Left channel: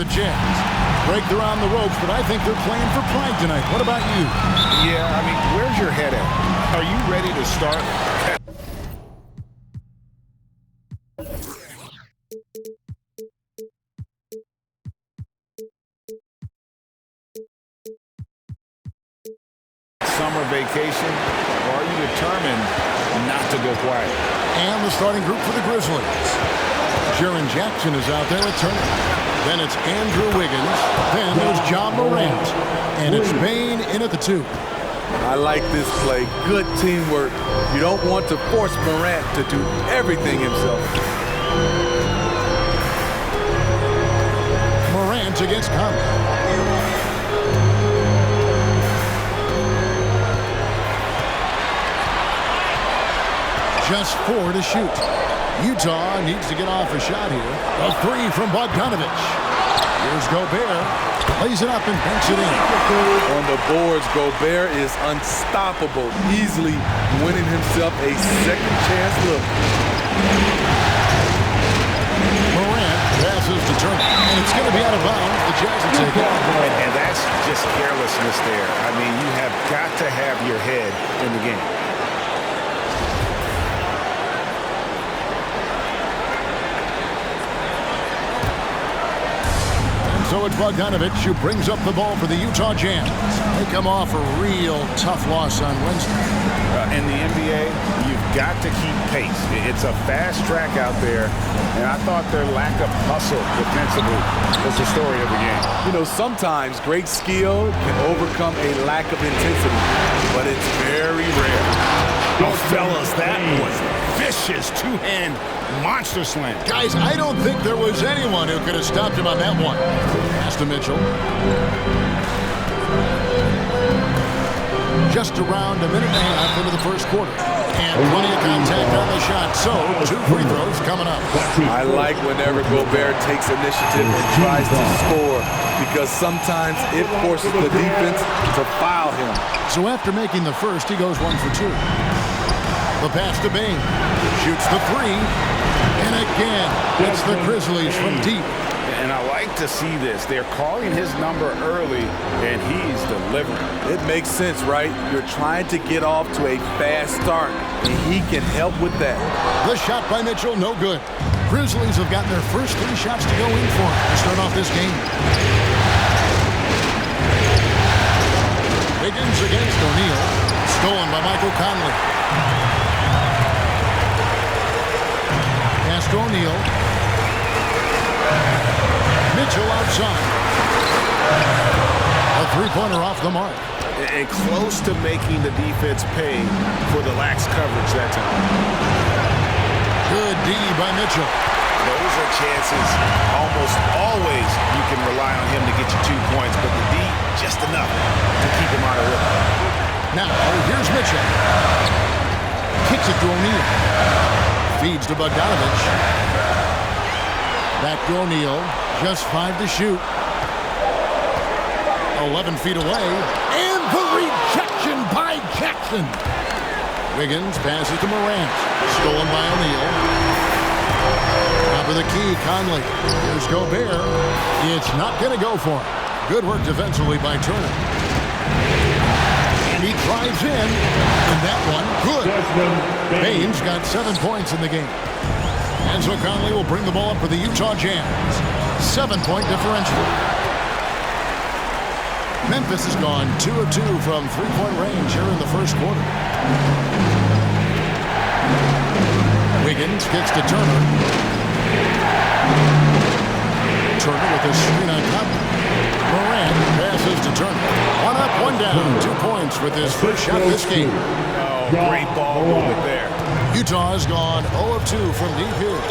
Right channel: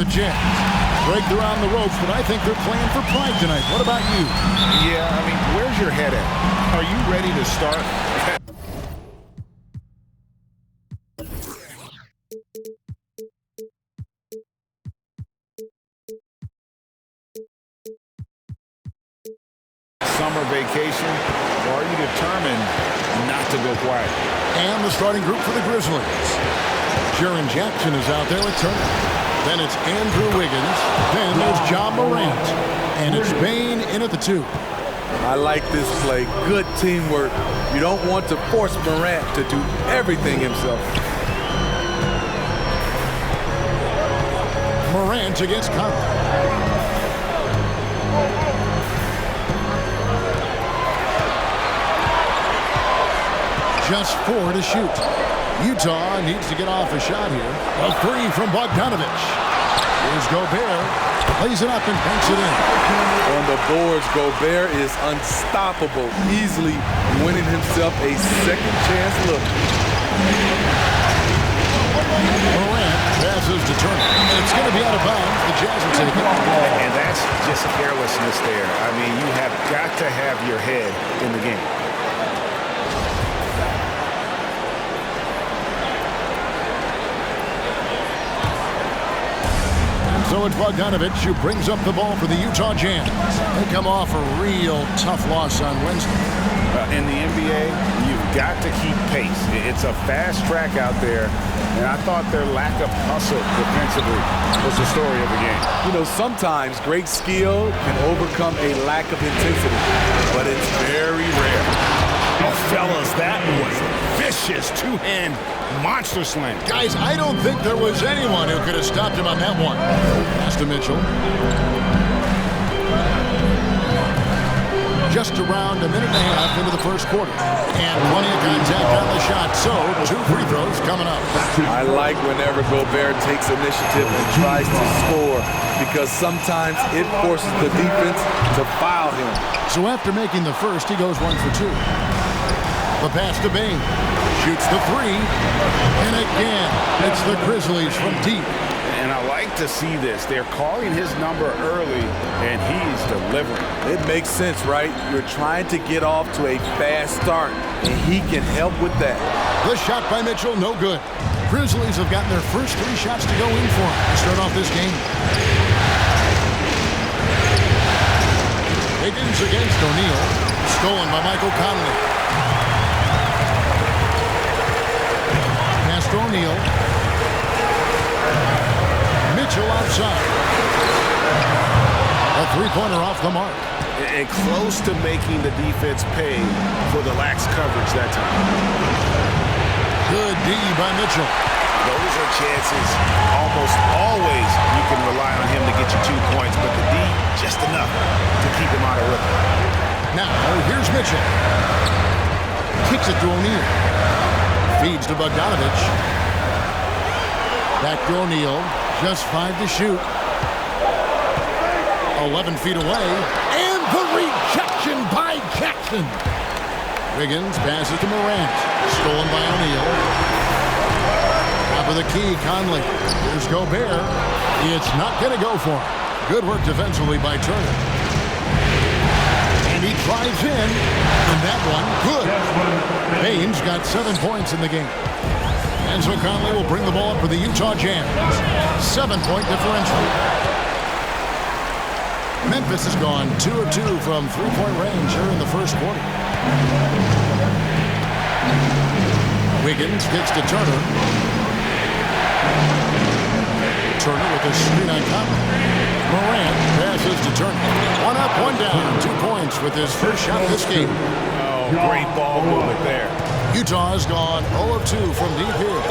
the Jazz. Break, they're on the ropes, but I think they're playing for pride tonight. What about you? Yeah, I mean, where's your head at? Are you ready to start? Summer vacation, or are you determined not to go quiet? And the starting group for the Grizzlies. Jaren Jackson is out there with Turner. Then it's Andrew Wiggins. Then there's Ja Morant. And it's Bane in at the 2. I like this play. Good teamwork. You don't want to force Morant to do everything himself. Morant against Conley. Just 4 to shoot. Utah needs to get off a shot here. A 3 from Bogdanovic. Here's Gobert. Lays it up and banks it in. On the boards, Gobert is unstoppable, easily winning himself a second chance look. Morant passes to Turner. And it's going to be out of bounds. The Jazz will take it. And that's just carelessness there. I mean, you have got to have your head in the game. So it's Bogdanovic who brings up the ball for the Utah Jazz. They come off a real tough loss on Wednesday. In the NBA, you've got to keep pace. It's a fast track out there, and I thought their lack of hustle defensively was the story of the game. You know, sometimes great skill can overcome a lack of intensity, but it's very rare. Oh, fellas, that was vicious two-hand monster slam. Guys, I don't think there was anyone who could have stopped him on that one. Pass to Mitchell. Just around a minute and a half into the first quarter. And plenty of contact on the shot, so 2 free throws coming up. I like whenever Gobert takes initiative and tries to score because sometimes it forces the defense to foul him. So after making the first, he goes 1 for 2. The pass to Bane. Shoots the 3. And again, it's the Grizzlies from deep. And I like to see this. They're calling his number early, and he's delivering. It makes sense, right? You're trying to get off to a fast start, and he can help with that. The shot by Mitchell, no good. Grizzlies have gotten their first 3 shots to go in for him to start off this game. Wiggins against O'Neal. Stolen by Michael Conley. Pass to O'Neal. Mitchell outside. A 3-pointer off the mark. And close to making the defense pay for the lax coverage that time. Good D by Mitchell. Those are chances almost always you can rely on him to get you 2 points, but the D, just enough to keep him out of rhythm. Now, here's Mitchell. Kicks it to O'Neal. Feeds to Bogdanovic. Back to O'Neal. Just 5 to shoot. 11 feet away. And the rejection by Jackson. Wiggins passes to Morant. Stolen by O'Neal. Top of the key, Conley. Here's Gobert. It's not going to go for him. Good work defensively by Turner. And he drives in. And that one, good. Bane's got 7 points in the game. And so Conley will bring the ball up for the Utah Jazz. 7-point differential. Memphis has gone 2 of 2 from 3-point range here in the first quarter. Wiggins kicks to Turner. Turner with a screen on Conley. Morant passes to Turner. 1 up, 1 down. 2 points with his first shot this game. Oh, great ball movement there. Utah has gone 0 of 2 from deep here.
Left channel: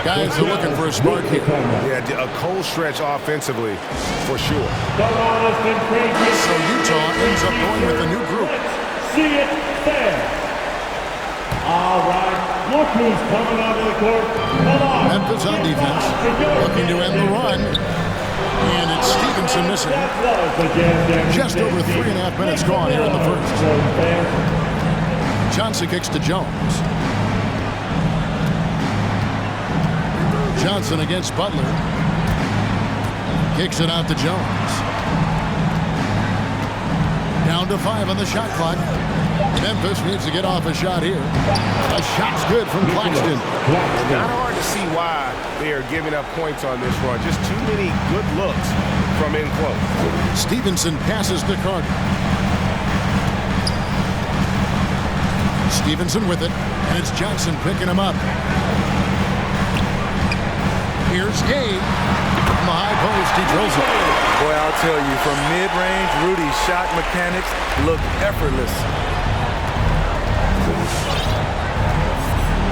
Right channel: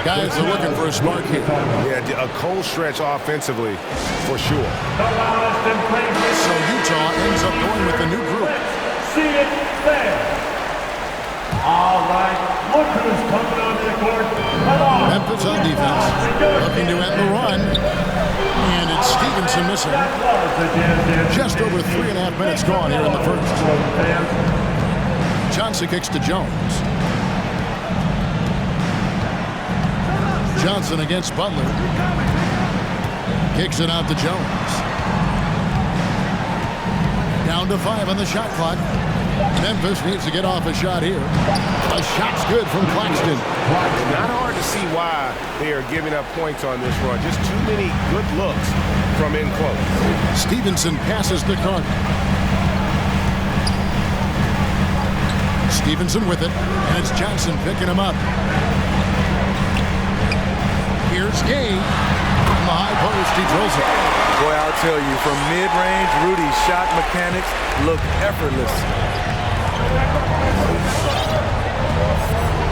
Guys are looking for a spark here. Yeah, a cold stretch offensively, for sure. So Utah ends up going with the new group. See it there. All right, look who's coming onto the court. Come on. Memphis on defense, looking to end the run. And it's Stevenson missing. Just over 3.5 minutes gone here in the first. Johnson kicks to Jones. Johnson against Butler. Kicks it out to Jones. Down to 5 on the shot clock. Memphis needs to get off a shot here. A shot's good from Claxton. Not hard to see why they are giving up points on this run. Just too many good looks from in close. Stevenson passes to Carter. Stevenson with it, and it's Johnson picking him up. Here's Gay. From the high post, he drills it. Boy, I'll tell you, from mid-range, Rudy's shot mechanics look effortless.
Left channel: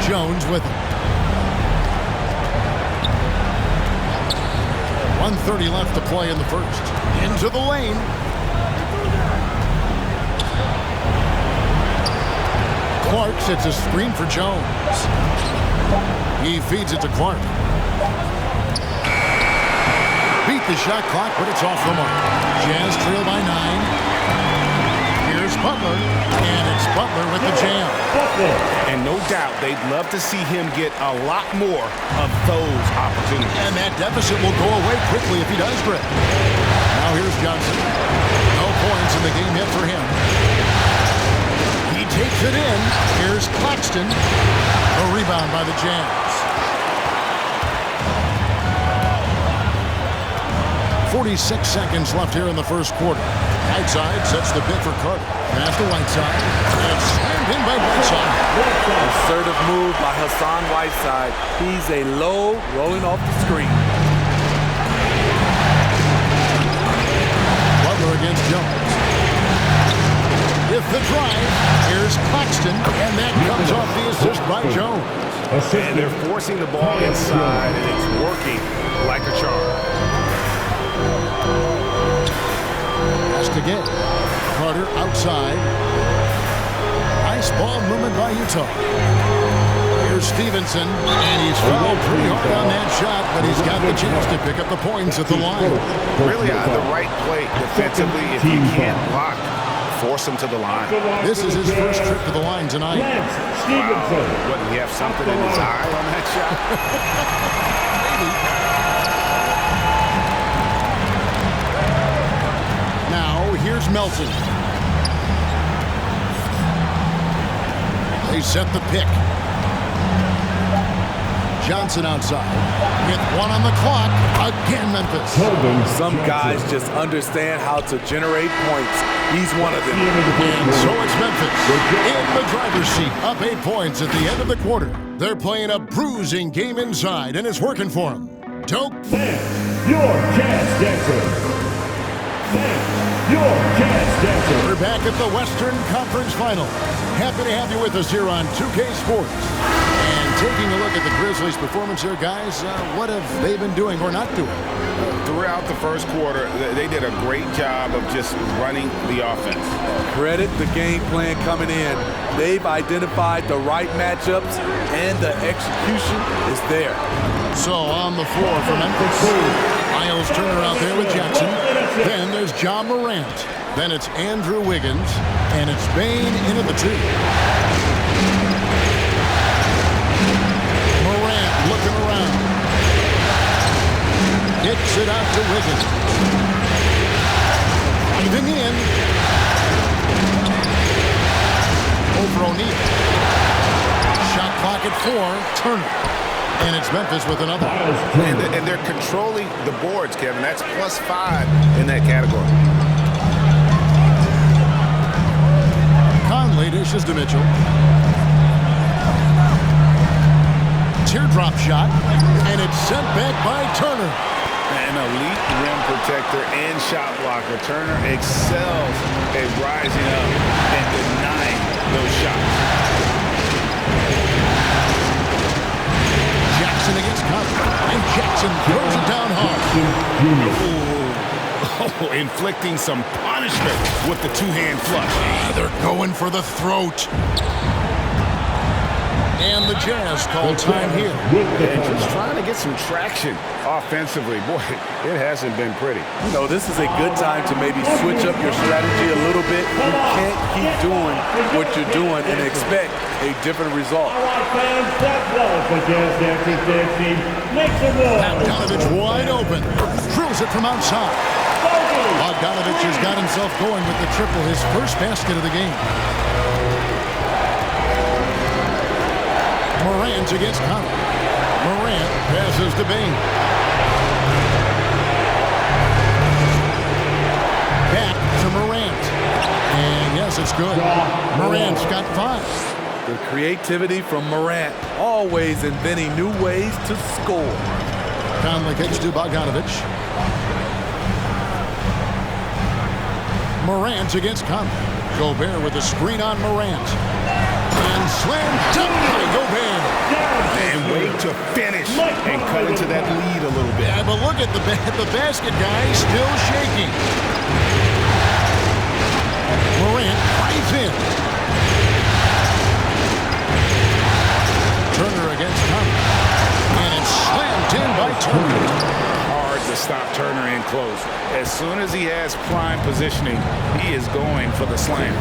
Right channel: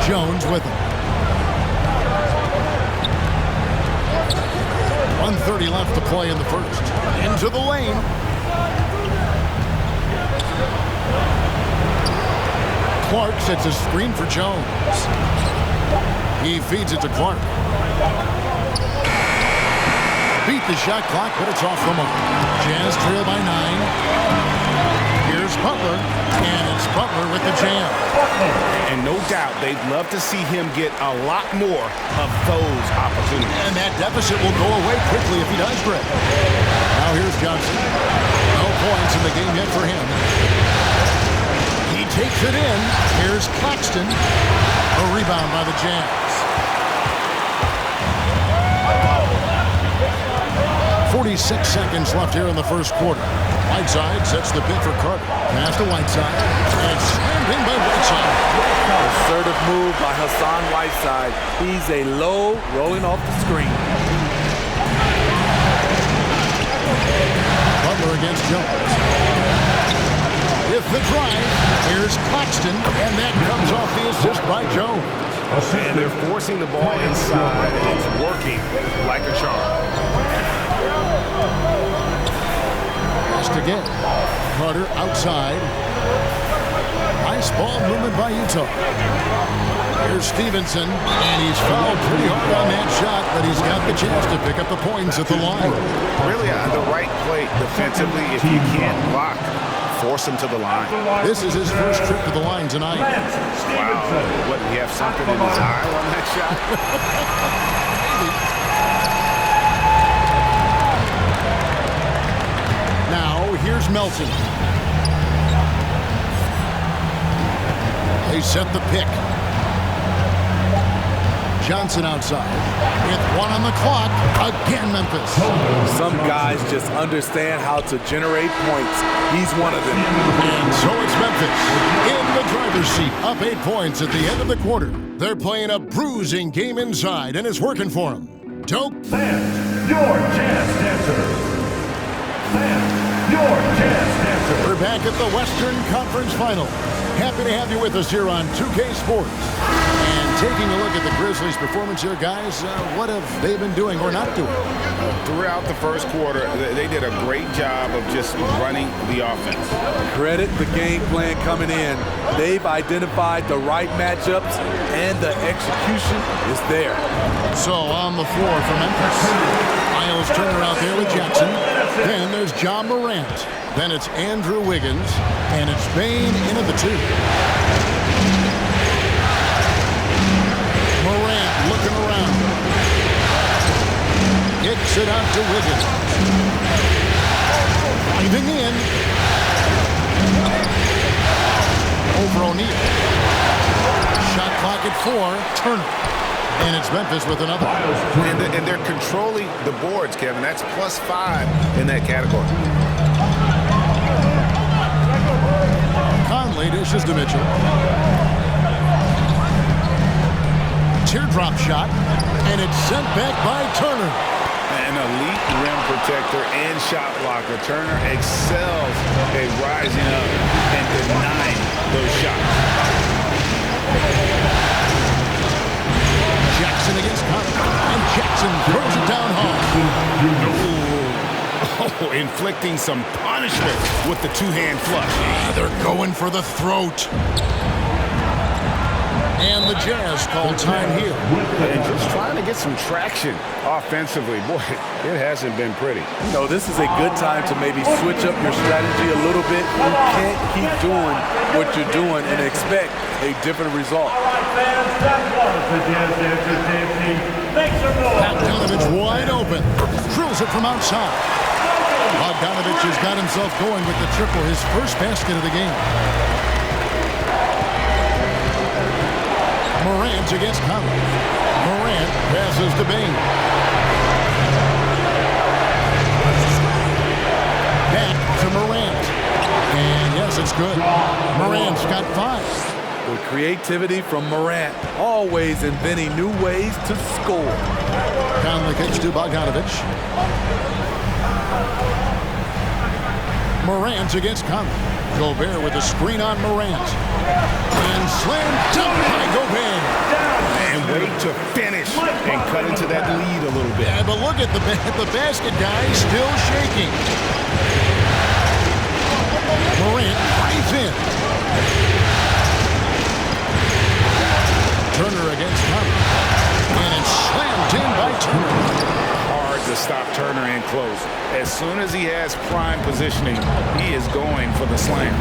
Jones with it. 1:30 left to play in the first. Into the lane. Clark sets a screen for Jones. He feeds it to Clark. Beat the shot clock, but it's off the mark. Jazz trail by 9. Here's Butler, and it's Butler with the jam. And no doubt they'd love to see him get a lot more of those opportunities. And that deficit will go away quickly if he does, Greg. Now here's Johnson. No points in the game yet for him. He takes it in. Here's Claxton. A rebound by the Jazz. 46 seconds left here in the first quarter. Whiteside sets the pick for Carter. Pass to Whiteside. And it's slammed in by Whiteside. Assertive move by Hassan Whiteside. He's a low, rolling off the screen. Butler against Jones. With the drive, here's Claxton, and that comes off the assist by Jones. And they're forcing the ball inside, and it's working like a charm. Passed again. Carter outside. Nice ball movement by Utah. Here's Stevenson, and he's fouled pretty hard on that shot, but he's got the chance to pick up the points at the line. Really the right play defensively. If you can't block, force him to the line. This is his first trip to the line tonight. Wow. What, did he have something in his eye on that shot? Maybe. Now, here's Melton. They set the pick. Johnson outside. With 1 on the clock. Again, Memphis. Some guys just understand how to generate points. He's one of them. And so it's Memphis in the driver's seat. Up 8 points at the end of the quarter. They're playing a bruising game inside, and it's working for them. Dope. Fans, your Jazz Dancer. Your Jazz Dancer. We're back at the Western Conference Final. Happy to have you with us here on 2K Sports. And taking a look at the Grizzlies' performance here, guys, what have they been doing or not doing? Throughout the first quarter, they did a great job of just running the offense. Credit the game plan coming in. They've identified the right matchups, and the execution is there. So on the floor for Memphis, Miles Turner out there with Jackson. Then there's John Morant. Then it's Andrew Wiggins. And it's Bane into the 2. Morant looking around. Gets it out to Wiggins. Driving in. Over O'Neal. Shot clock at 4. Turner. And it's Memphis with another. And they're controlling the boards, Kevin. That's +5 in that category. Conley dishes to Mitchell. Teardrop shot, and it's sent back by Turner. An elite rim protector and shot blocker. Turner excels at rising up and denying those shots. Jackson against Carter, and Jackson throws it down hard. Oh, inflicting some punishment with the two-hand flush. They're going for the throat. And the Jazz call time here. And just trying to get some traction offensively. Boy, it hasn't been pretty. You know, this is a good time to maybe switch up your strategy a little bit. You can't keep doing what you're doing and expect a different result. All right, fans, that was the Jazz Dancers dancing. Make some noise. Bogdanovich wide open. Drills it from outside. Bogdanovich has got himself going with the triple, his first basket of the game. Morant against Conley. Morant passes to Bing. Back to Morant. And yes, it's good. Morant's got 5. The creativity from Morant, always inventing new ways to score. Conley kicks to Bogdanovich. Morant against Conley. Gobert with a screen on Morant. And slam dunk by Gobert. And wait to finish and cut into that lead a little bit. Yeah, but look at the basket guy still shaking. Morant drives in. Turner against Conley. And it's slammed in by Turner. Hard to stop Turner in close. As soon as he has prime positioning, he is going for the slam.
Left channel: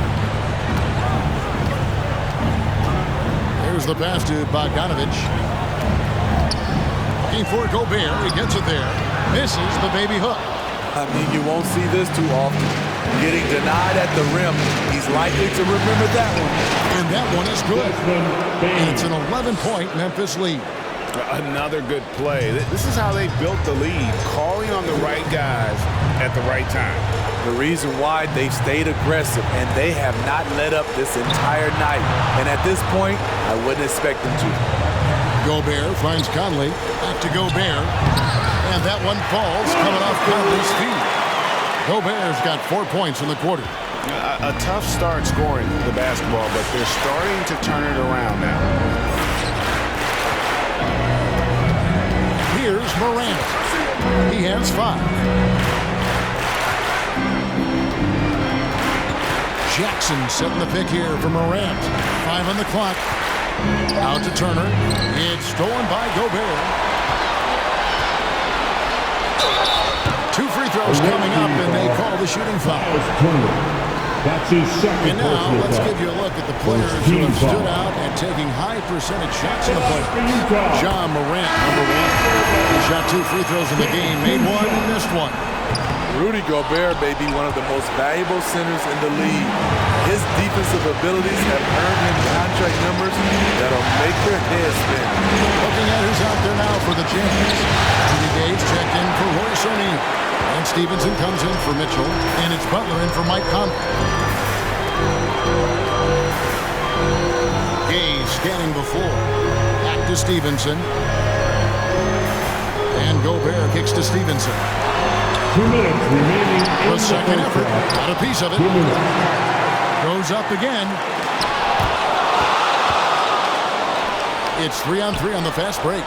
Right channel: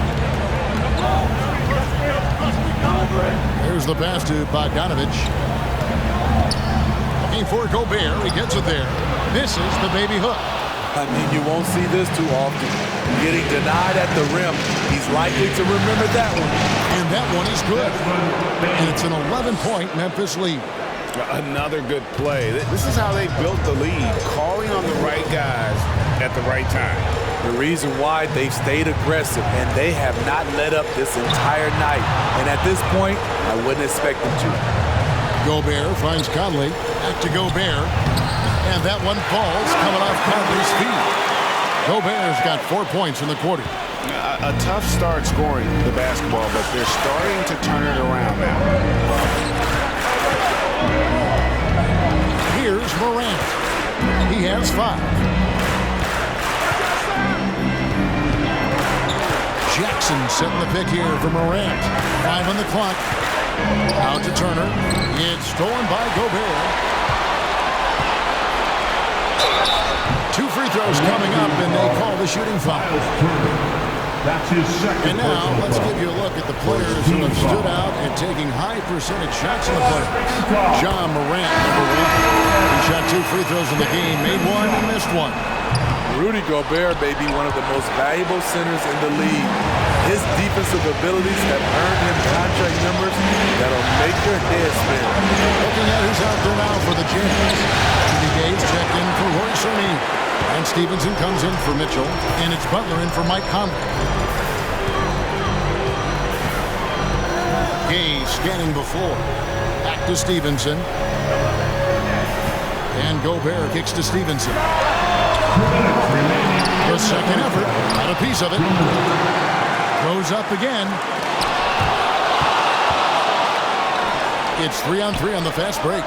Here's the pass to Bogdanovich. Looking for Gobert. He gets it there. Misses the baby hook. I mean, you won't see this too often. Getting denied at the rim, he's likely to remember that one. And that one is good. And it's an 11-point Memphis lead. Another good play. This is how they built the lead, calling on the right guys at the right time. The reason why they've stayed aggressive, and they have not let up this entire night. And at this point, I wouldn't expect them to. Gobert finds Conley. Back to Gobert. And that one falls coming off Conley's feet. Gobert's got 4 points in the quarter. A tough start scoring the basketball, but they're starting to turn it around now. Here's Morant. He has 5. Jackson setting the pick here for Morant. 5 on the clock. Out to Turner. It's stolen by Gobert. 2 free throws coming up, and they call the shooting foul. That's his second. And now let's give you a look at the players who have stood out and taking high percentage shots in the playoffs. Ja Morant, number 1. He shot 2 free throws in the game, made 1 and missed 1. Rudy Gobert may be one of the most valuable centers in the league. His defensive abilities have earned him contract numbers that'll make your head spin. Looking at who's out there now for the Jazz. Rudy Gay checked in for Royce O'Neal. And Stevenson comes in for Mitchell. And it's Butler in for Mike Conley. Gay scanning before. Back to Stevenson. And Gobert kicks to Stevenson. 2 minutes remaining. The second effort. Got a piece of it. Goes up again. It's 3-on-3 on the fast break.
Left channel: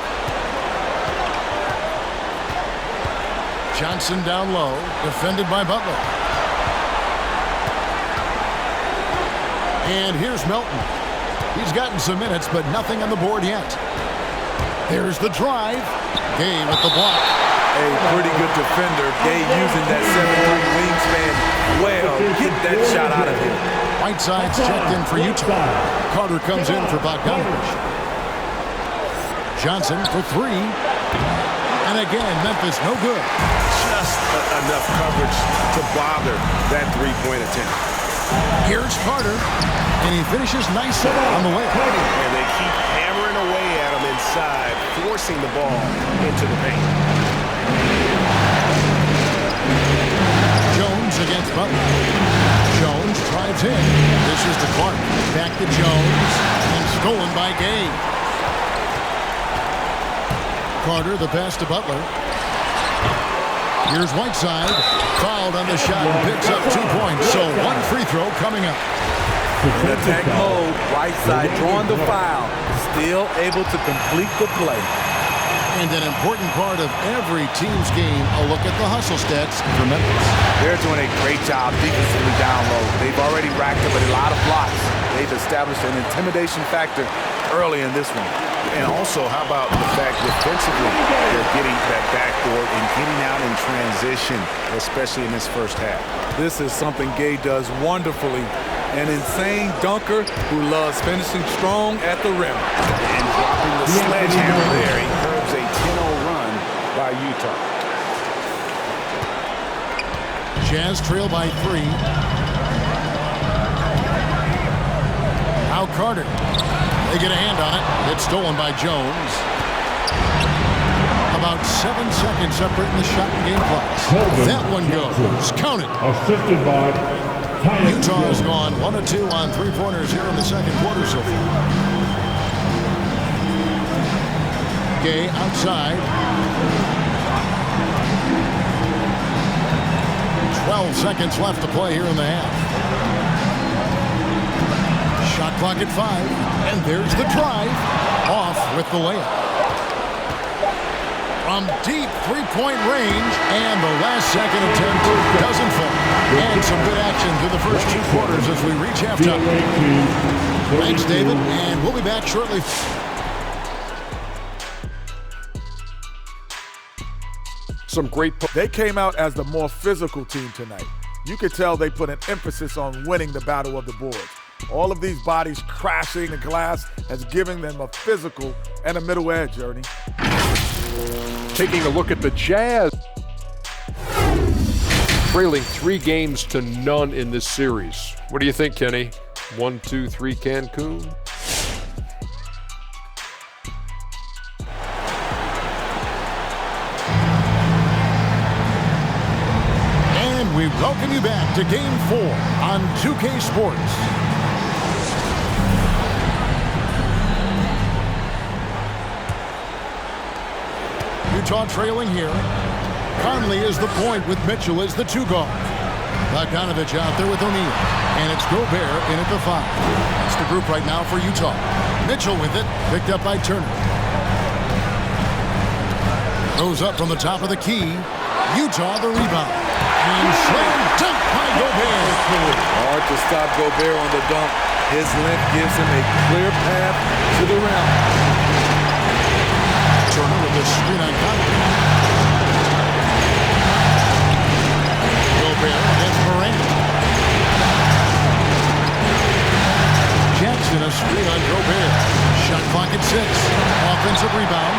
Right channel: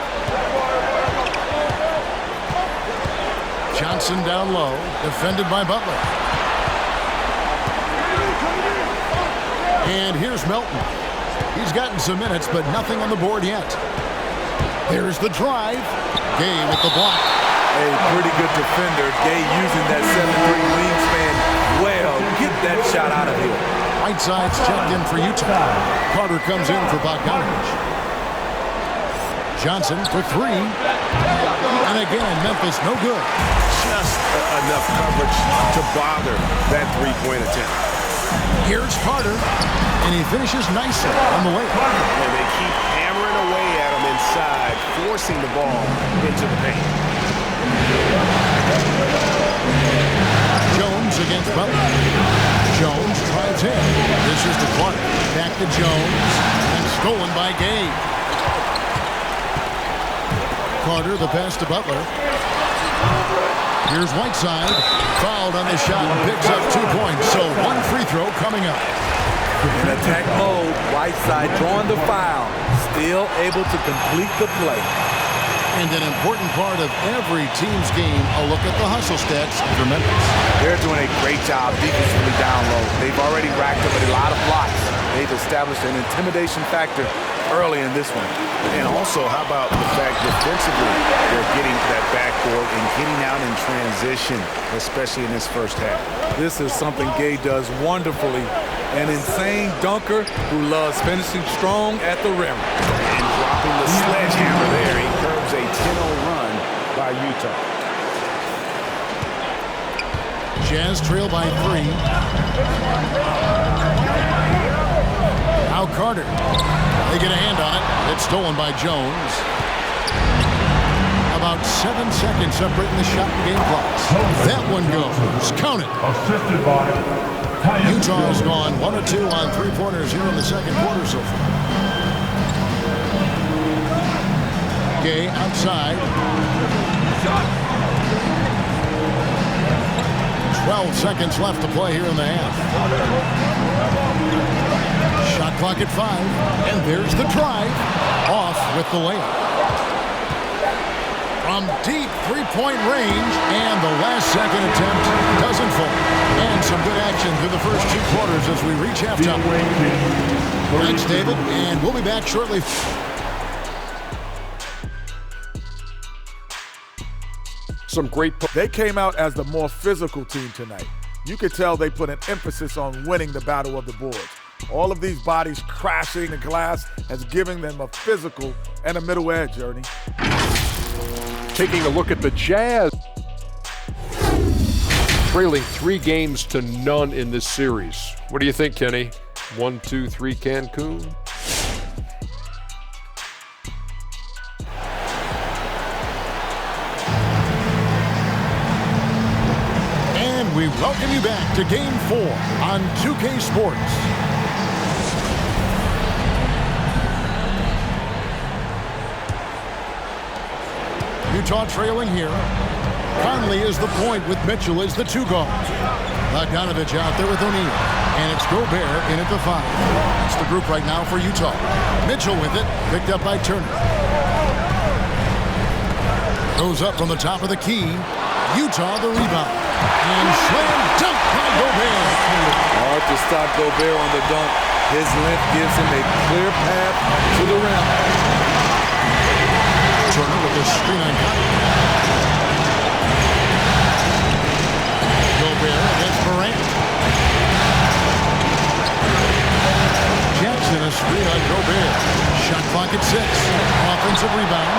Johnson down low, defended by Butler. And here's Melton. He's gotten some minutes, but nothing on the board yet. There's the drive. Gay with the block. A pretty good defender. Gay using that 7'3" wingspan well. Get that shot out of here. Whiteside's checked in for Utah. Carter comes in for Bogdanovich. Johnson for 3. And again, Memphis no good. Just enough coverage to bother that 3-point attempt. Here's Carter, and he finishes nicely on the layup. And they keep hammering away at him inside, forcing the ball into the paint. Jones against Butler. Jones drives in. This is to Clark. Back to Jones, and stolen by Gay. Carter, the pass to Butler. Here's Whiteside. Fouled on the shot and picks up 2 points. So 1 free throw coming up. In attack mode, Whiteside drawing the foul. Still able to complete the play. And an important part of every team's game, a look at the hustle stats for Memphis. They're doing a great job defensively down low. They've already racked up a lot of blocks. They've established an intimidation factor early in this one. And also, how about the fact defensively, they're getting that backboard and getting out in transition, especially in this first half. This is something Gay does wonderfully. An insane dunker who loves finishing strong at the rim. And dropping the sledgehammer there, he curbs a 10-0 run by Utah. Jazz trail by 3. Now Carter. They get a hand on it. It's stolen by Jones. About 7 seconds separating the shot and game clocks. That one goes. Count it. Assisted by Tyus Utah has Jones. gone 1 of 2 on three-pointers here in the second quarter so far. Gay outside. 12 seconds left to play here in the half. Shot clock at 5, and there's the drive. Off with the layup. From deep three-point range, and the last-second attempt doesn't fall. And some good action through the first 2 quarters as we reach halftime. The away team, Thanks, 32. David, and we'll be back shortly. Some great. They came out as the more physical team tonight. You could tell they put an emphasis on winning the battle of the boards. All of these bodies crashing the glass has given them a physical and a middle edge, Ernie. Taking a look at the Jazz. Trailing 3 games to none in this series. What do you think, Kenny? 1, 2, 3 Cancun? And we welcome you back to Game 4 on 2K Sports. Utah trailing here. Conley is the point with Mitchell as the 2 guard. Bogdanovich out there with O'Neal. And it's Gobert in at the 5. That's the group right now for Utah. Mitchell with it, picked up by Turner. Goes up from the top of the key. Utah the rebound. And slam dunk by Gobert. Hard to stop Gobert on the dunk. His length gives him a clear path to the rim. Turner with the screen on Conley. Gobert against Morant. Jackson a screen on Gobert. Shot clock at 6. Offensive rebound.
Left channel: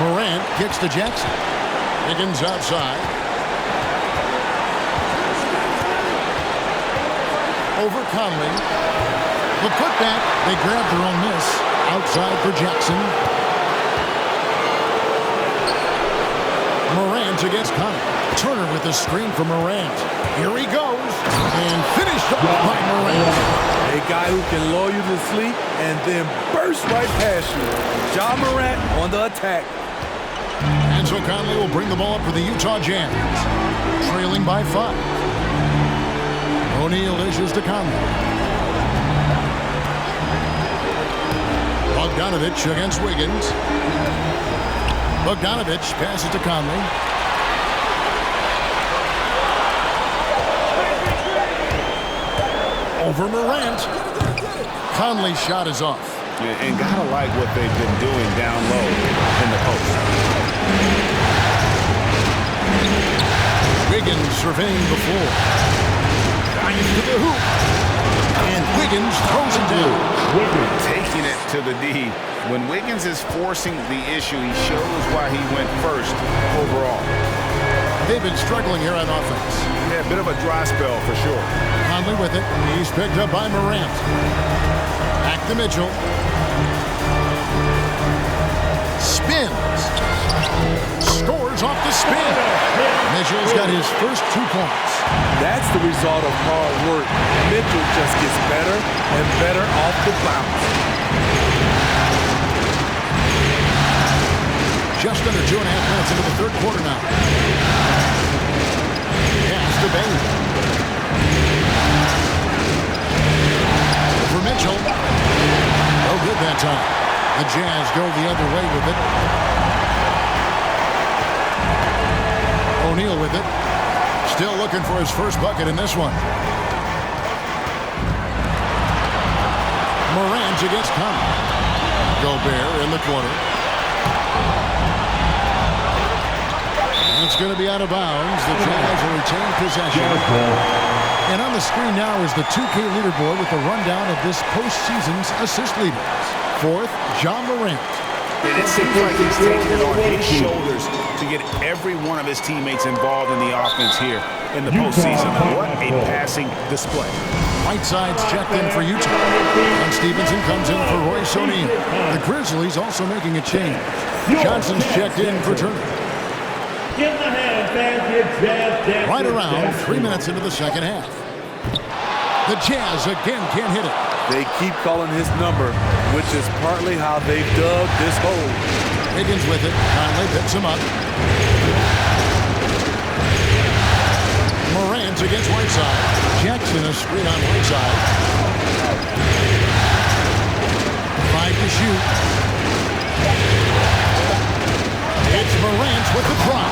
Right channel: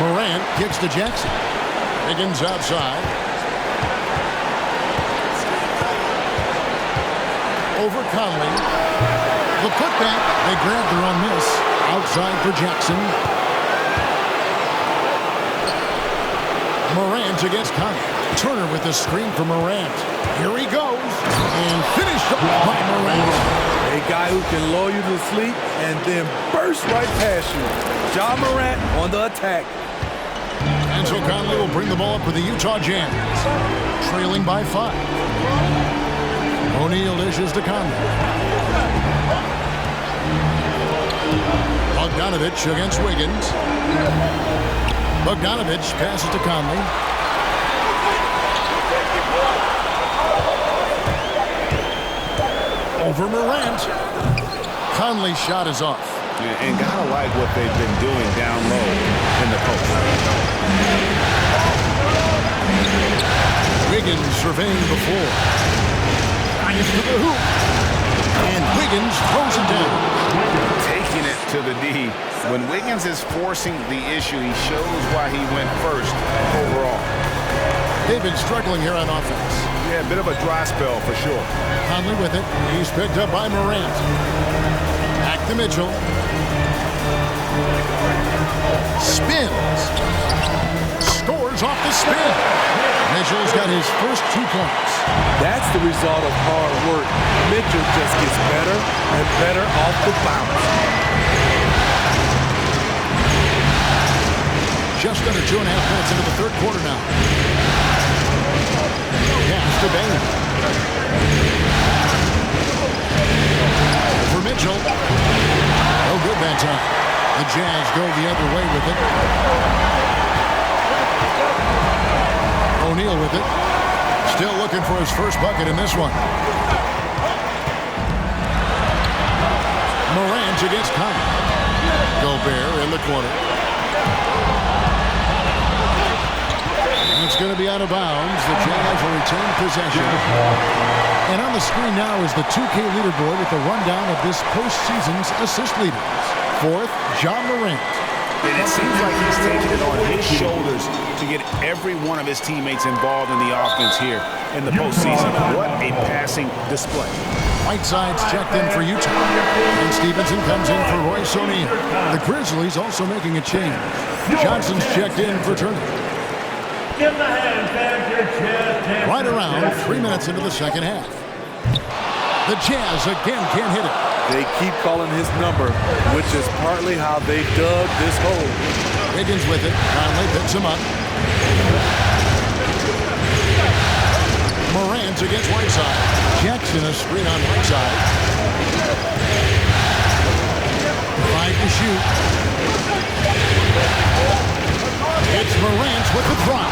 Morant kicks to Jackson. Higgins outside. Over Conley. The putback. They grab their own miss. Outside for Jackson. Morant against Conley. Turner with the screen for Morant. Here he goes. And finished off by Morant. A guy who can lull you to sleep and then burst right past you. Ja Morant on the attack. And so Conley will bring the ball up for the Utah Jazz. Trailing by 5. O'Neal dishes to Conley. Bogdanovich against Wiggins. Bogdanovich passes to Conley. Over Morant. Conley's shot is off. And gotta like what they've been doing down low in the post. Wiggins surveying the floor. Drives to the hoop. And Wiggins throws it down. Taking it to the D. When Wiggins is forcing the issue, he shows why he went first overall. They've been struggling here on offense. Yeah, a bit of a dry spell for sure. Conley with it. He's picked up by Morant. Back to Mitchell. Spins. Scores off the spin. Mitchell's got his first 2 points. That's the result of hard work. Mitchell just gets better and better off the bounce. Just under 2.5 minutes into the third quarter now. Pass to Bain. For Mitchell. No good that time. The Jazz go the other way with it. O'Neal with it. Still looking for his first bucket in this one. Morant against Conley. Gobert in the corner. And it's going to be out of bounds. The Jazz will retain possession. And on the screen now is the 2K leaderboard with the rundown of this postseason's assist leaders. Fourth, Ja Morant. And it seems like he's taking it on his shoulders to get every one of his teammates involved in the offense here in the postseason. What a passing display. Whiteside's checked in for Utah. And Stevenson comes in for Royce O'Neal. The Grizzlies also making a change. Johnson's checked in for Turner. Give the hand, fans, your Jazz dancers. Right around 3 minutes into the second half. The Jazz again can't hit it. They keep calling his number, which is partly how they've dug this hole. Wiggins with it. Conley picks him up. Morant against Whiteside. Jackson a screen on Whiteside. 5 to shoot. It's Morant with the drop.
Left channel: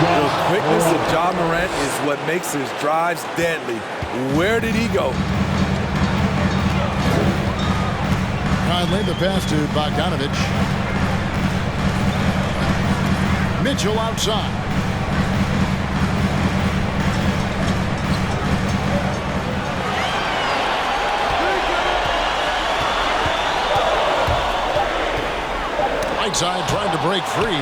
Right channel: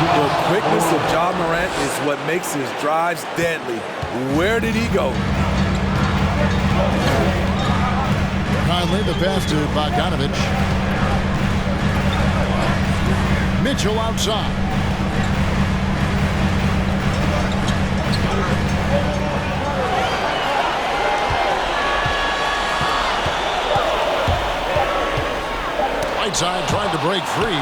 The quickness of Ja Morant is what makes his drives deadly. Where did he go? Conley the pass to Bogdanovic. Mitchell outside. Whiteside tried to break free.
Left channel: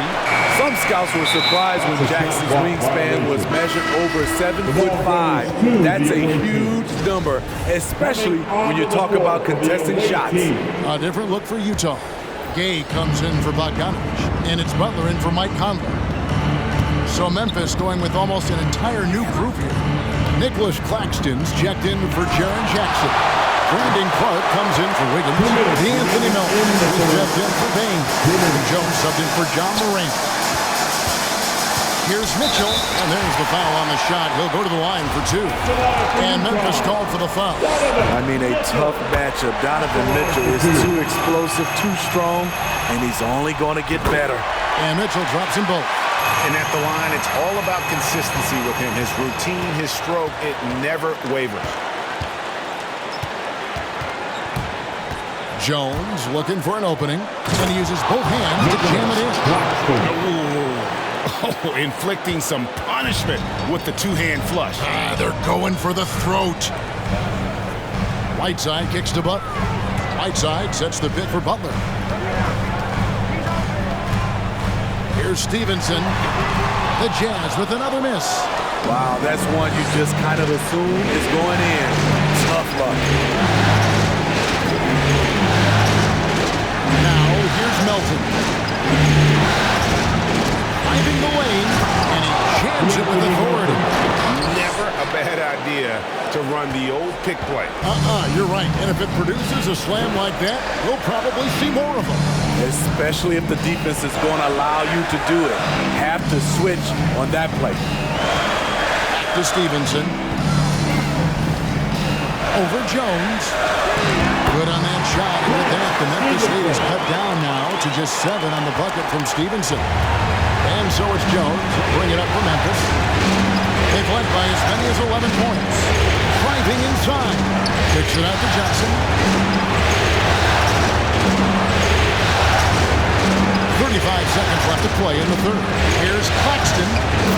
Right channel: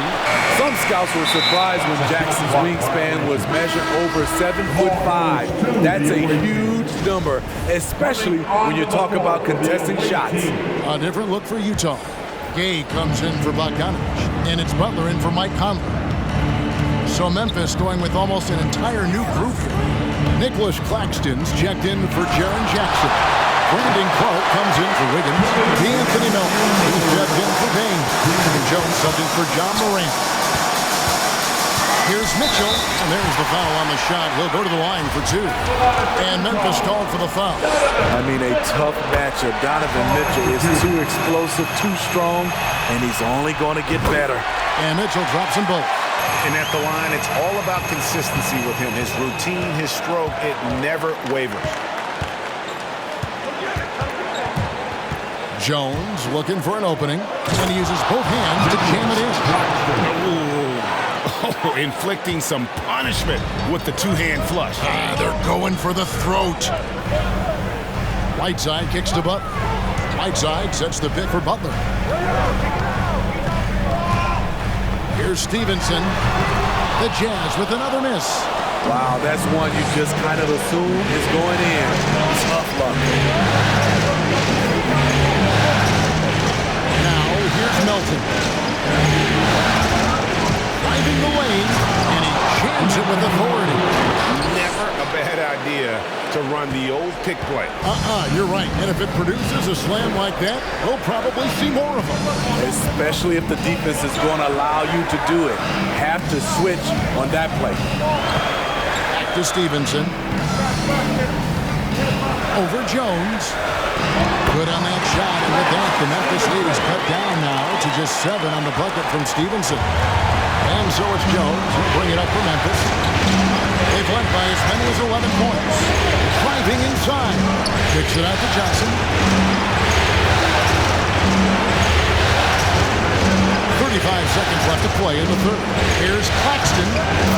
Some scouts were surprised when Jackson's wingspan was measured over 7'5". That's a huge number, especially when you talk about contesting shots. A different look for Utah. Gay comes in for Bogdanovic, and it's Butler in for Mike Conley. So Memphis going with almost an entire new group here. Nicholas Claxton's checked in for Jaren Jackson. Brandon Clark comes in for Wiggins. D'Anthony Melton is checked in for Bain. And Jones subbed in for Ja Morant. Here's Mitchell, and there's the foul on the shot. He'll go to the line for 2. And Memphis called for the foul. I mean, a tough matchup. Donovan Mitchell is too explosive, too strong, and he's only going to get better. And Mitchell drops them both. And at the line, it's all about consistency with him. His routine, his stroke, it never wavers. Jones looking for an opening, and he uses both hands to jam it in. Oh, inflicting some punishment with the two-hand flush. They're going for the throat. Whiteside kicks to Butler. Whiteside sets the pick for Butler. Here's Stevenson. The Jazz with another miss. Wow, that's one you just kind of assume is going in. Tough luck. Now, here's Melton. Driving the lane, and he jams it with authority. Never a bad idea to run the old pick play. You're right. And if it produces a slam like that, we'll probably see more of them. Especially if the defense is going to allow you to do it. Have to switch on that play. Back to Stevenson. Over Jones. Good on that shot, and with that, the Memphis lead is cut down now to just 7 on the bucket from Stevenson. And so it's Jones who'll bring it up for Memphis. They've led by as many as 11 points. Driving inside. Kicks it out to Johnson. 35 seconds left to play in the third. Here's Claxton.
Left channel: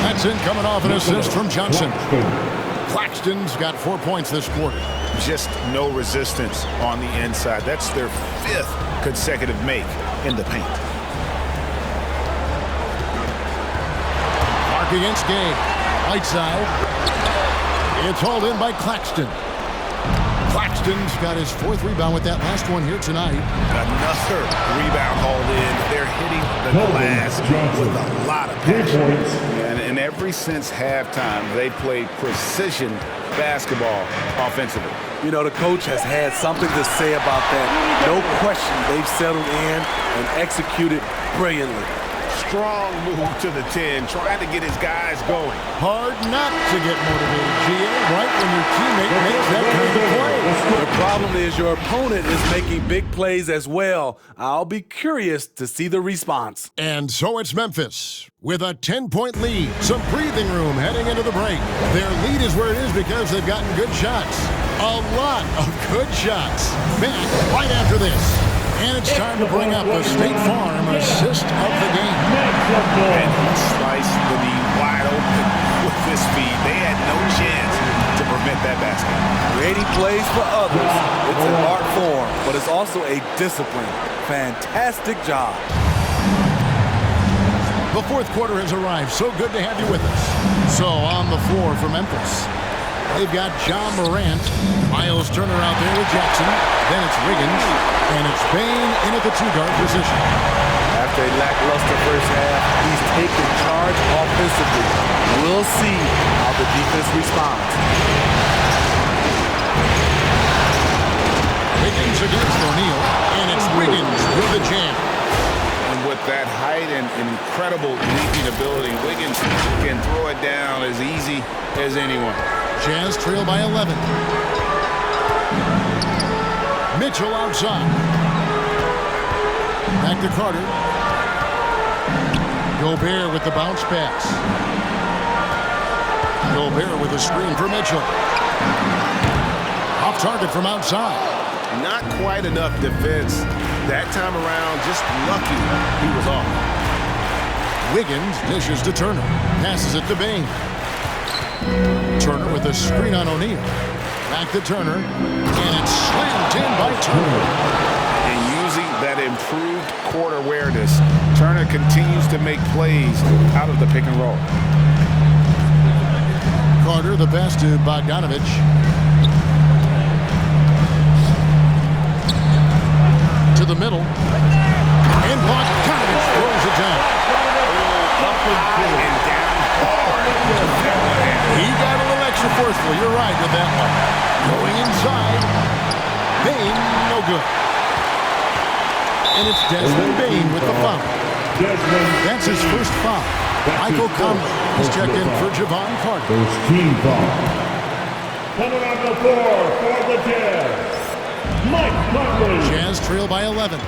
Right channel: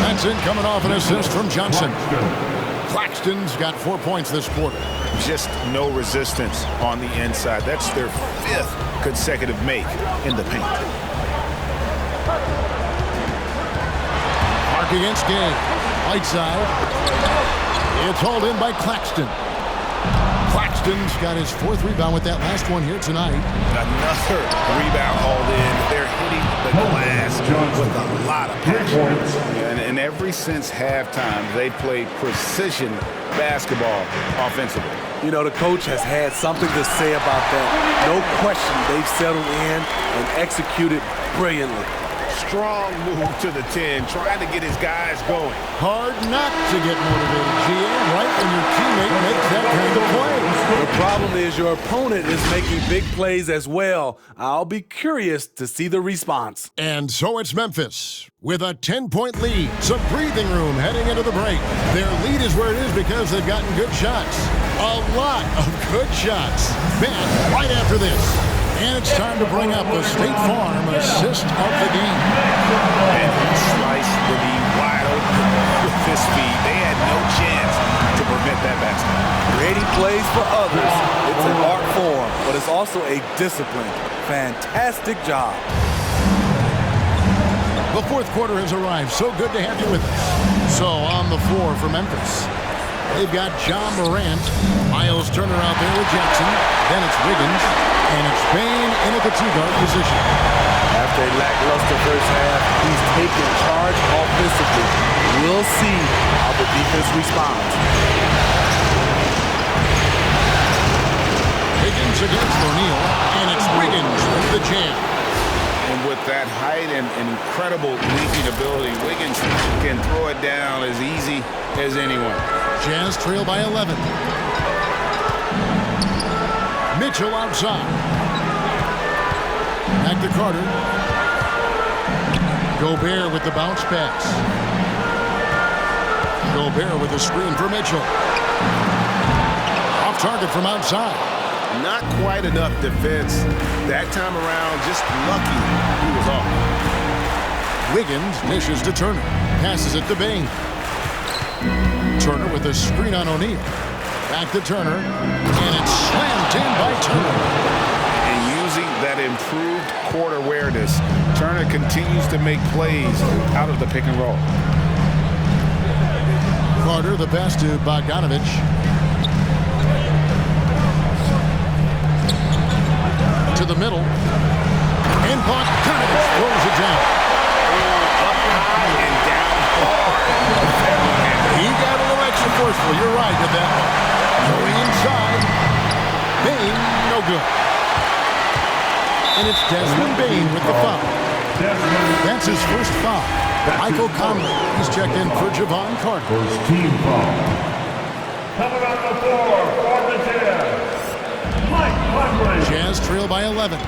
That's in coming off an assist from Johnson. Claxton's got 4 points this quarter. Just no resistance on the inside. That's their 5th consecutive make in the paint. Clark against Gay. Whiteside. It's hauled in by Claxton. Claxton's got his 4th rebound with that last one here tonight. Another rebound hauled in. They're hitting the glass with a lot of passion. And ever since halftime, they played precision basketball offensively. You know, the coach has had something to say about that. No question, they've settled in and executed brilliantly. Strong move to the 10, trying to get his guys going. Hard not to get motivated, GA, right when your teammate makes that kind of play. The problem is your opponent is making big plays as well. I'll be curious to see the response. And so it's Memphis with a 10-point lead. Some breathing room heading into the break. Their lead is where it is because they've gotten good shots. A lot of good shots. Back right after this. And it's time to bring up the State Farm assist of the game. And he sliced the knee wide open with this feed. They had no chance to prevent that basket. Creating plays for others, it's an art form, but it's also a discipline. Fantastic job. The fourth quarter has arrived. So good to have you with us. So on the floor for Memphis, they've got John Morant. Miles Turner out there with Jackson. Then it's Wiggins. And it's Bane in at the two-guard position. After a lackluster first half, he's taken charge offensively. We'll see how the defense responds. Wiggins against O'Neal, and it's Wiggins with the jam. And with that height and incredible leaping ability, Wiggins can throw it down as easy as anyone. Jazz trail by 11. Mitchell outside. Back to Carter. Gobert with the bounce pass. Gobert with a screen for Mitchell. Off target from outside. Not quite enough defense that time around. Just lucky he was off. Wiggins dishes to Turner. Passes it to Bane. Turner with a screen on O'Neal. Back to Turner. And it's slammed in by Turner. And using that improved court awareness, Turner continues to make plays out of the pick and roll. Carter the pass to Bogdanovich. To the middle. And Bogdanovich throws it down. Up high and down hard with that one-hander. He got a little extra forceful. You're right with that one. Going inside. Bane, no good. And it's Desmond Bane with the foul. That's his first foul. Michael Conley. He's checked in for Javon Carter. First team foul. Coming on the floor for the Jazz, Mike Conley. Jazz trail by 11.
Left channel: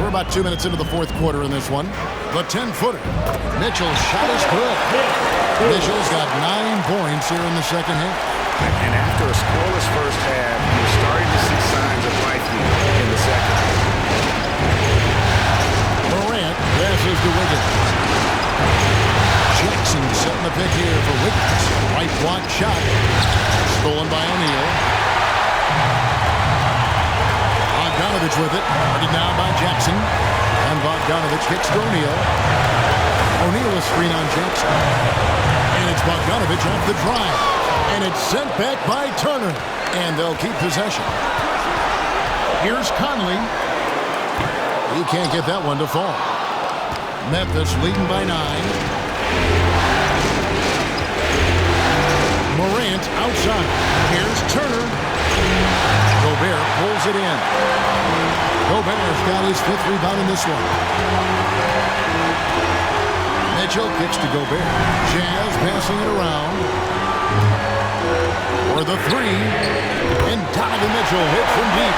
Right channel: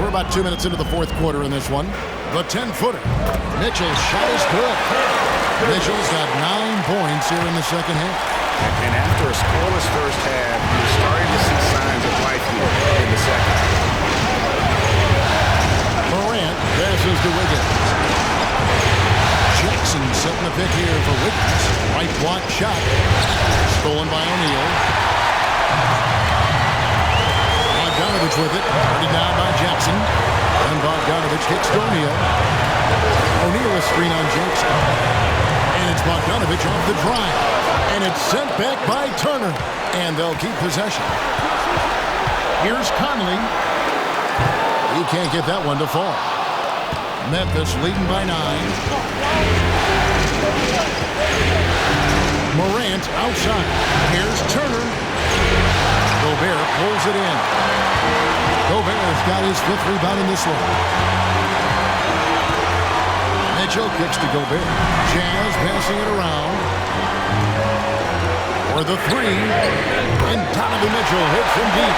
We're about 2 minutes into the fourth quarter in this one. The 10-footer. Mitchell's shot is good. Mitchell's got 9 points here in the second half. And after a scoreless first half, you're starting to see signs of life here in the second. Morant passes to Wiggins. Jackson setting the pick here for Wiggins. Right block shot. Stolen by O'Neal. Bogdanovich with it. Guarded now by Jackson. And Bogdanovich kicks to O'Neal. O'Neal a screen on Jackson. And it's Bogdanovich off the drive. And it's sent back by Turner. And they'll keep possession. Here's Conley. He can't get that one to fall. Memphis leading by 9. Morant outside. Here's Turner. Gobert pulls it in. Gobert's got his 5th rebound in this one. Mitchell kicks to Gobert. Jazz passing it around. For the 3. And Donovan Mitchell hit from deep.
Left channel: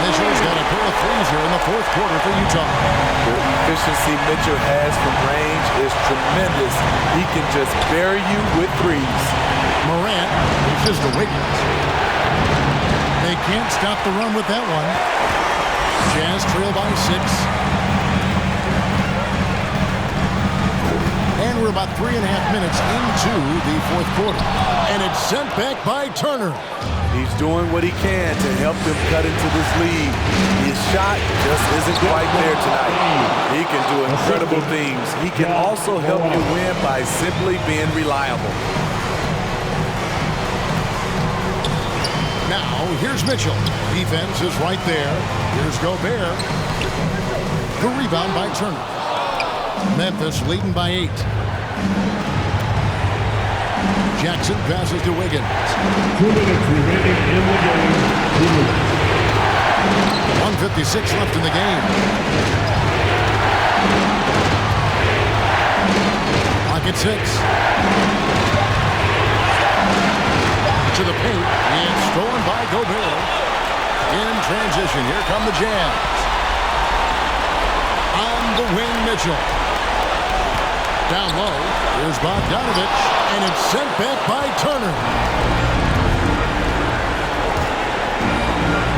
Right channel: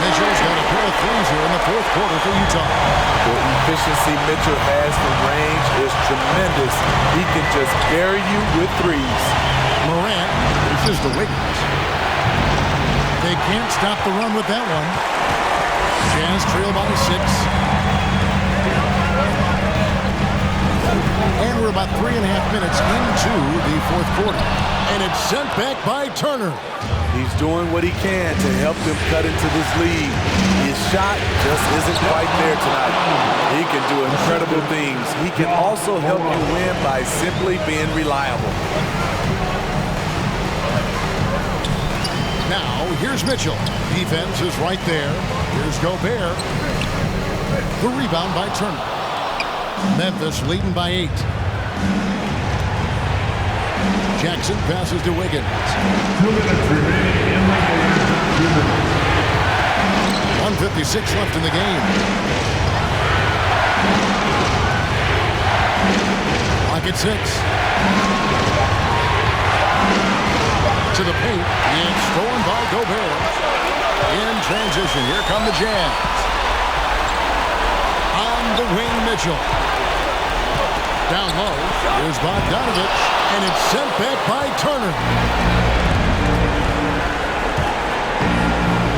Mitchell's got a pair of threes here in the fourth quarter for Utah. The efficiency Mitchell has from range is tremendous. He can just bury you with threes. Morant reaches to Wiggins. They can't stop the run with that one. Jazz trail by 6. And we're about 3.5 minutes into the fourth quarter. And it's sent back by Turner. He's doing what he can to help them cut into this lead. His shot just isn't quite there tonight. He can do incredible things. He can also help you win by simply being reliable. Now, here's Mitchell. Defense is right there. Here's Gobert. The rebound by Turner. Memphis leading by 8. Jackson passes to Wiggins. 2 minutes remaining in the game. 2 minutes. 1:56 left in the game. Clock at 6. To the paint. It's stolen by Gobert. In transition. Here come the Jazz. On the wing, Mitchell. Down low. Here's Bogdanovich. And it's sent back by Turner.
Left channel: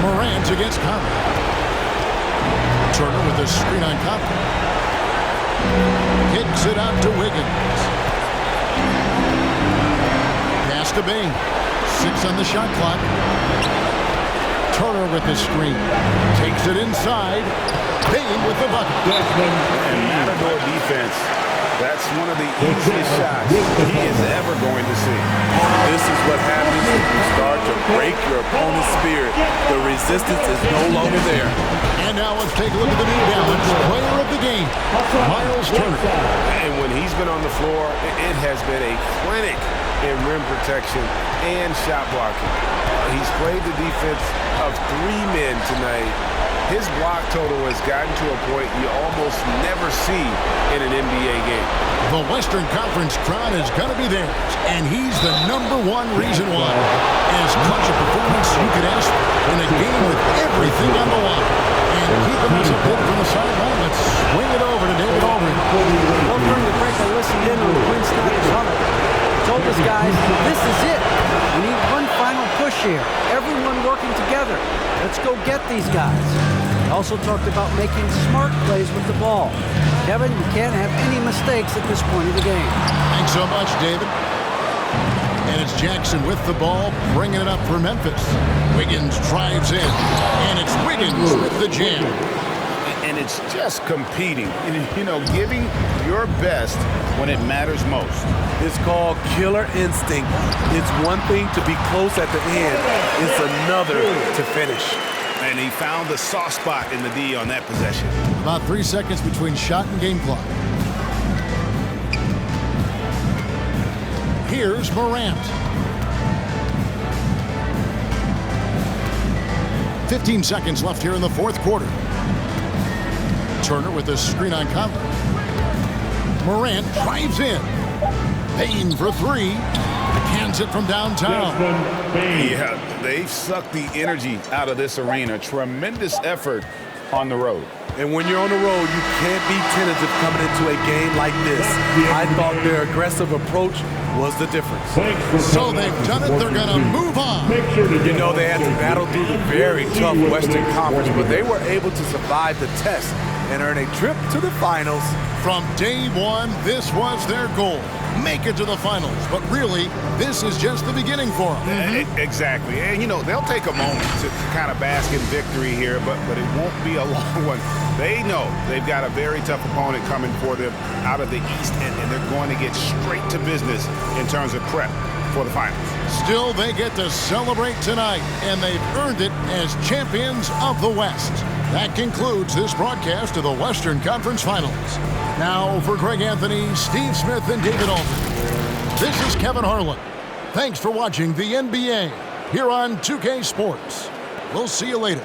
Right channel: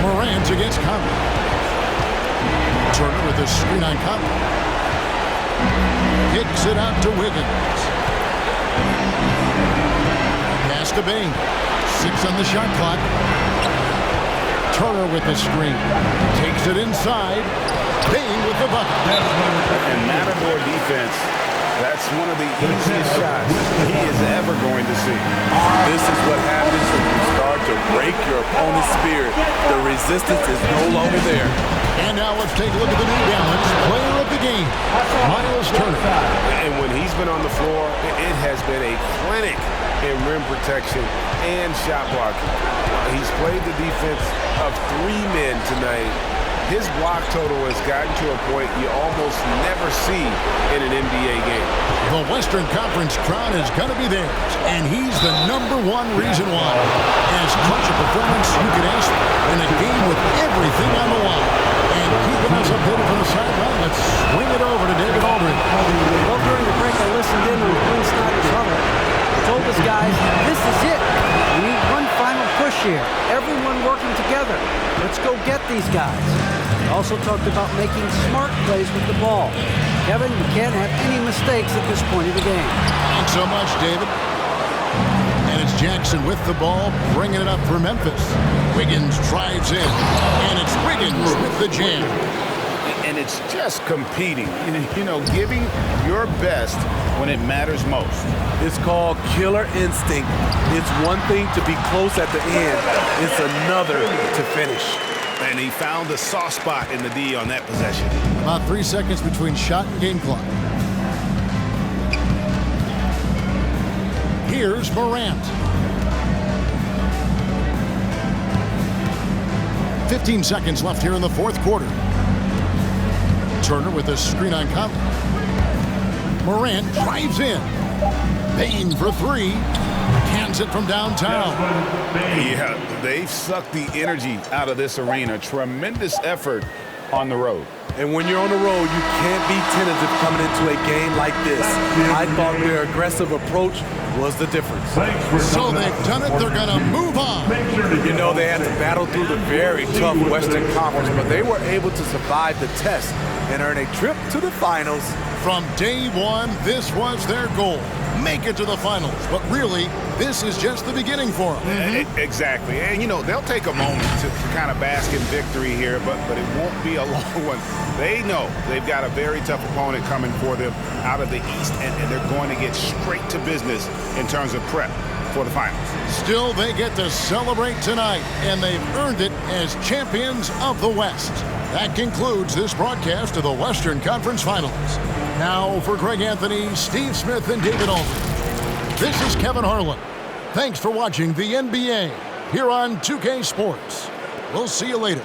Morant against Conley. Turner with a screen on Conley. Kicks it out to Wiggins. Pass to Bane. 6 on the shot clock. Turner with the screen. Takes it inside. Bane with the bucket. And Matador defense, that's one of the easiest shots he is ever going to see. This is what happens when you start to break your opponent's spirit. The resistance is no longer there. And now let's take a look at the New Balance player of the game, Miles Turner. And when he's been on the floor, it has been a clinic in rim protection and shot blocking. He's played the defense of 3 men tonight. His block total has gotten to a point you almost never see in an NBA game. The Western Conference crown is going to be theirs, and he's the #1 reason why. As clutch a performance you could ask in a game with everything on the line. And keeping us updated from the sideline, let's swing it over to David Aldridge. Well, during the break, I listened in on Quinn Snyder's huddle. He told us guys, this is it. We need one final push here. Everyone working together. Let's go get these guys. He also talked about making smart plays with the ball. Kevin, you can't have any mistakes at this point of the game. Thanks so much, David. And it's Jackson with the ball, bringing it up for Memphis. Wiggins drives in, and it's Wiggins with the jam. And it's just competing, you know, giving your best when it matters most. It's called killer instinct. It's one thing to be close at the end. It's another to finish. And he found the soft spot in the D on that possession. About 3 seconds between shot and game clock. Here's Morant. 15 seconds left here in the 4th quarter. Turner with a screen on Conley. Morant drives in. Bane for 3. Cans it from downtown. Yeah, they've sucked the energy out of this arena. Tremendous effort on the road. And when you're on the road, you can't be tentative coming into a game like this. I thought their aggressive approach was the difference. So they've done it. They're going to move on. You know, they had to battle through the very tough Western Conference, but they were able to survive the test and earn a trip to the finals. From day one, this was their goal. Make it to the finals. But really, this is just the beginning for them. Exactly. And, you know, they'll take a moment to kind of bask in victory here, but it won't be a long one. They know they've got a very tough opponent coming for them out of the East, and they're going to get straight to business in terms of prep for the finals. Still, they get to celebrate tonight, and they've earned it as champions of the West. That concludes this broadcast of the Western Conference Finals. Now, for Greg Anthony, Steve Smith, and David Aldridge, this is Kevin Harlan. Thanks for watching the NBA here on 2K Sports. We'll see you later.